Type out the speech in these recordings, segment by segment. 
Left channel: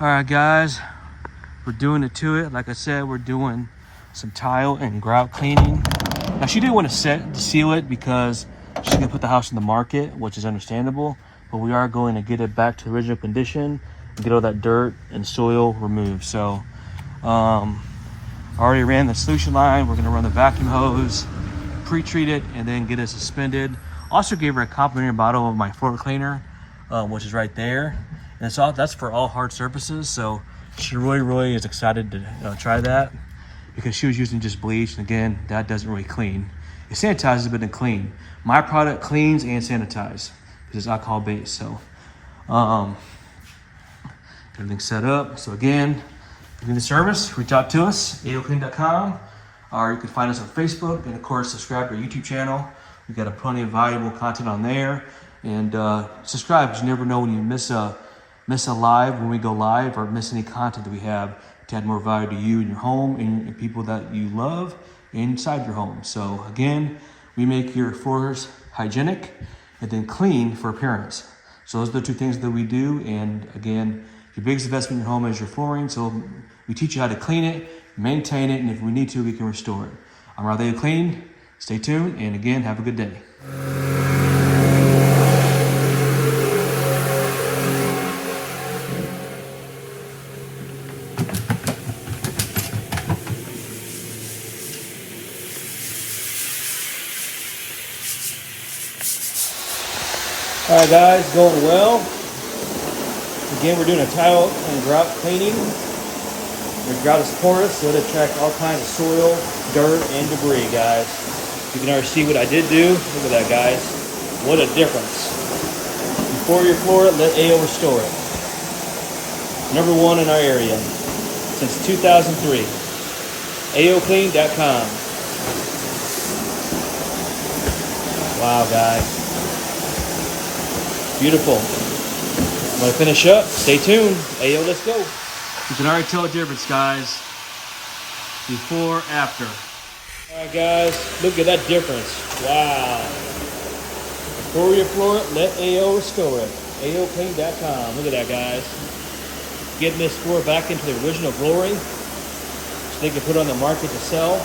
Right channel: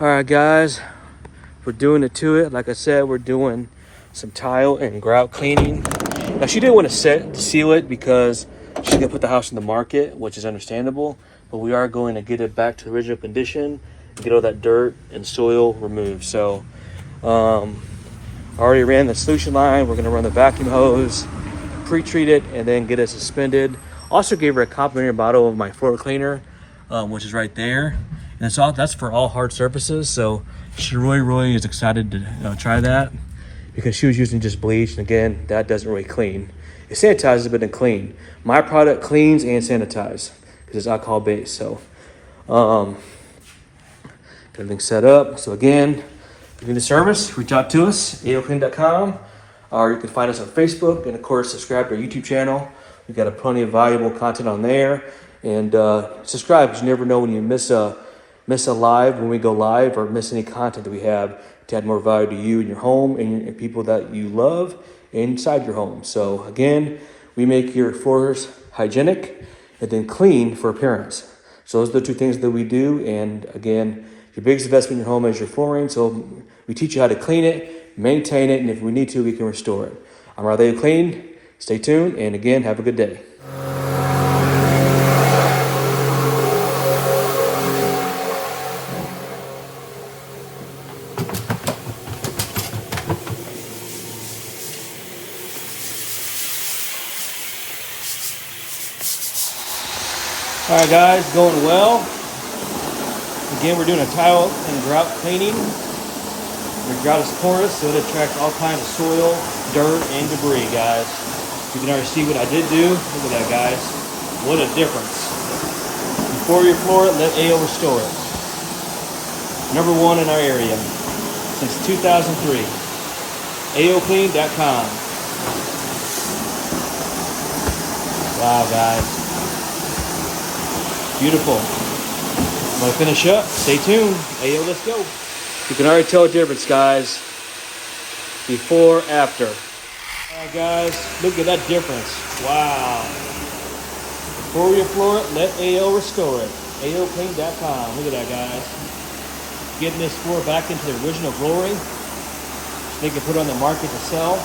All right, guys, we're doing it to it. Like I said, we're doing some tile and grout cleaning. Now, she didn't want to seal it because she's gonna put the house in the market, which is understandable. But we are going to get it back to the original condition and get all that dirt and soil removed. So, I already ran the solution line. We're gonna run the vacuum hose, pre-treat it, and then get it suspended. Also gave her a complimentary bottle of my floor cleaner, which is right there. And so that's for all hard surfaces. So she really is excited to try that because she was using just bleach. And again, that doesn't really clean. It sanitizes, but it clean. My product cleans and sanitizes because it's alcohol based. So everything's set up. So again, if you need the service, reach out to us, AOCleaning.com, or you can find us on Facebook, and of course, subscribe to our YouTube channel. We've got plenty of valuable content on there. And subscribe, because you never know when you miss a live, when we go live, or miss any content that we have to add more value to you and your home and people that you love inside your home. So again, we make your floors hygienic and then clean for appearance. So those are the two things that we do. And again, the biggest investment in your home is your flooring. So we teach you how to clean it, maintain it, and if we need to, we can restore it. I'm 𝐟𝐨𝐫𝐞𝐿. Stay tuned, and again, have a good day. All right, guys, going well. Again, we're doing a tile and grout cleaning. Your grout is porous, so it attracts all kinds of soil, dirt, and debris, guys. You can already see what I did do. Look at that, guys. What a difference. Before you floor it, let AO restore it. #1 in our area since 2003. AOCleaning.com. Wow, guys. Beautiful. I'm gonna finish up. Stay tuned. AO, let's go. You can already tell the difference, guys. Before, after. All right, guys, look at that difference. Wow. Before you floor it, let AO restore it. AOCleaning.com. Look at that, guys. Getting this floor back into the original glory so they can put it on the market to sell.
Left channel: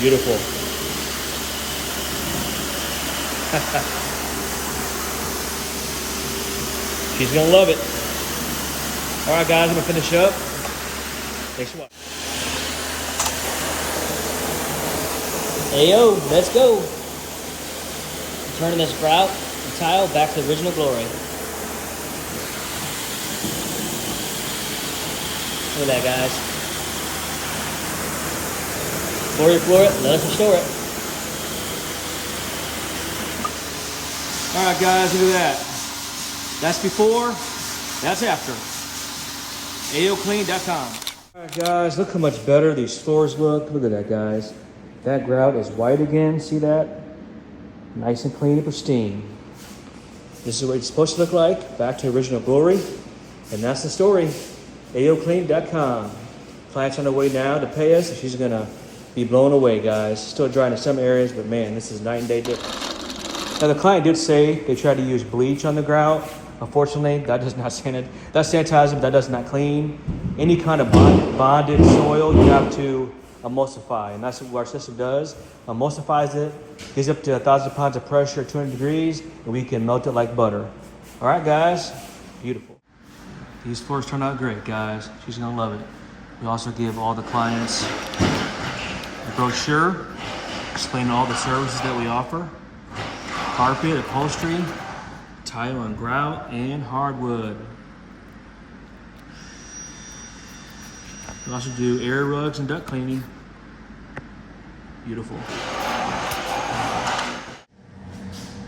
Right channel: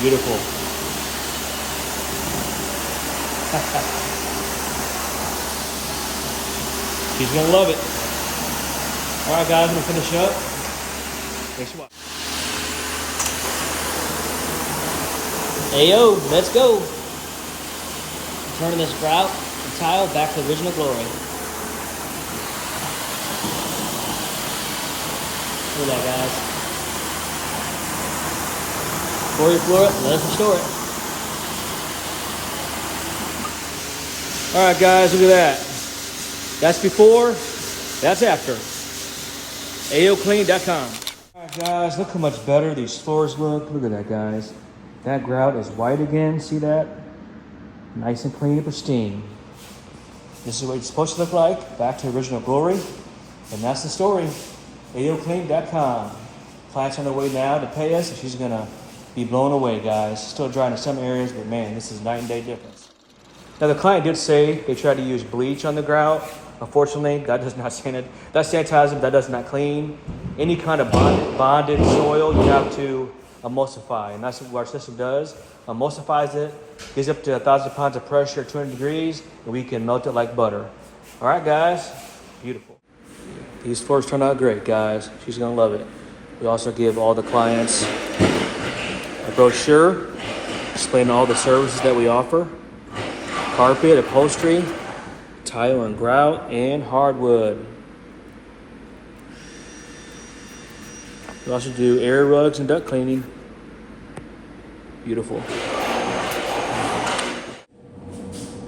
Beautiful. She's gonna love it. All right, guys, I'm gonna finish up. Thanks for watching. AO, let's go. Turning this grout and tile back to the original glory. Look at that, guys. Before you floor it, let us restore it. All right, guys, look at that. That's before, that's after. AOCleaning.com. All right, guys, look how much better these floors look. Look at that, guys. That grout is white again. See that? Nice and clean and pristine. This is what it's supposed to look like. Back to original glory. And that's the story. AOCleaning.com. Client's on the way now to pay us. She's going to be blown away, guys. Still drying in some areas, but man, this is night and day difference. Now, the client did say they tried to use bleach on the grout. Unfortunately, that does not sanitize. That sanitizes, that does not clean. Any kind of bonded soil, you have to emulsify. And that's what our system does. Emulsifies it, gets up to 1,000 pounds of pressure, 200 degrees, and we can melt it like butter. All right, guys, beautiful. These floors turned out great, guys. She's gonna love it. We also give all the clients a brochure explaining all the services that we offer. Carpet, upholstery, tile and grout, and hardwood. We also do air rugs and duct cleaning. Beautiful.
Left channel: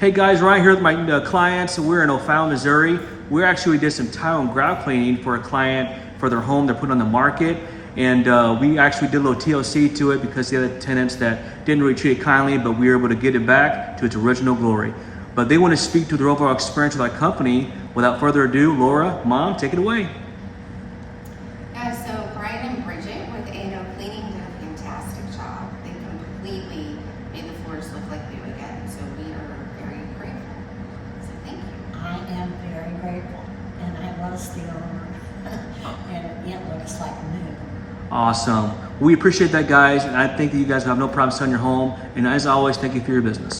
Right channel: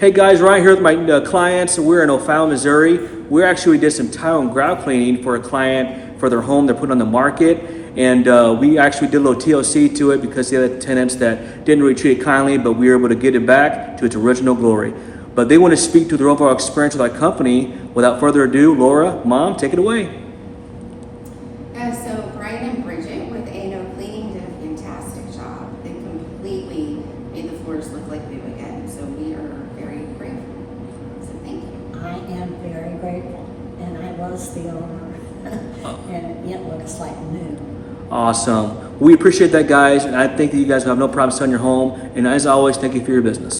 Hey guys, right here with my clients. We're in O'Fallon, Missouri. We actually did some tile and grout cleaning for a client for their home they're putting on the market. And we actually did a little TLC to it because the other tenants that didn't really treat it kindly, but we were able to get it back to its original glory. But they want to speak to their overall experience with our company. Without further ado, Laura, Mom, take it away. So Brian and Bridget with AOCleaning did a fantastic job. They completely made the floors look like new again. So we are very grateful. So thank you. I was the owner. And it looks like new. Awesome. We appreciate that, guys, and I think that you guys will have no problem selling your home. And as always, thank you for your business.